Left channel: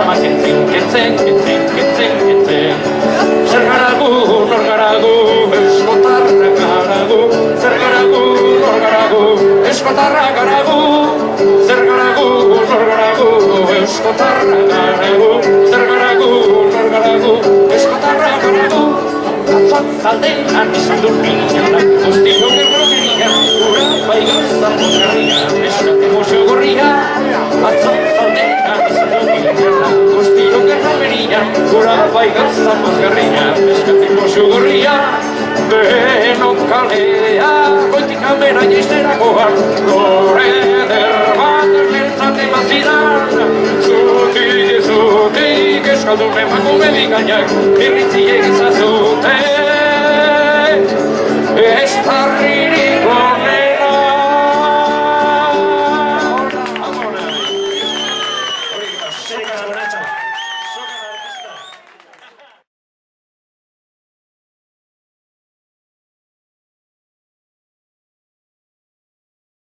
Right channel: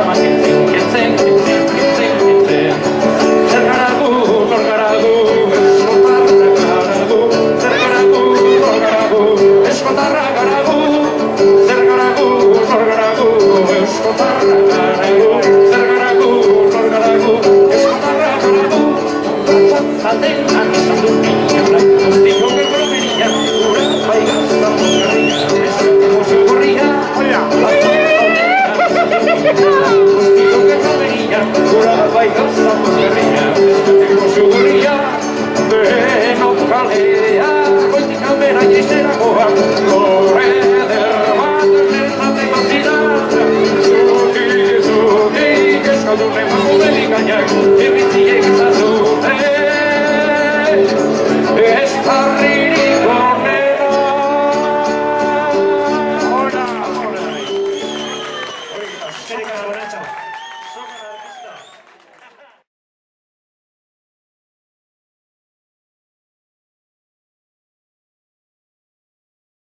programa kentzen Zer garagu, nor garagu, eskotarra garagu Zer garagu, nor garagu, eskotarra garagu Zer garagu, nor garagu, eskotarra garagu Zer garagu, nor garagu, eskotarra garagu Atzat zaldean izan du inonak Guztio gerrogeria, gura bai gaztan garria Eskate mozio gorria, atzat zaldean izan du inonak Guztio gerrogeria, gura bai gaztan garria Eskate mozio gorria, benok kalea Goitik albera jaisterakoan, gore derbat Lertzate bazidan, zutik eskaldun emakume bikainak Irritziek izan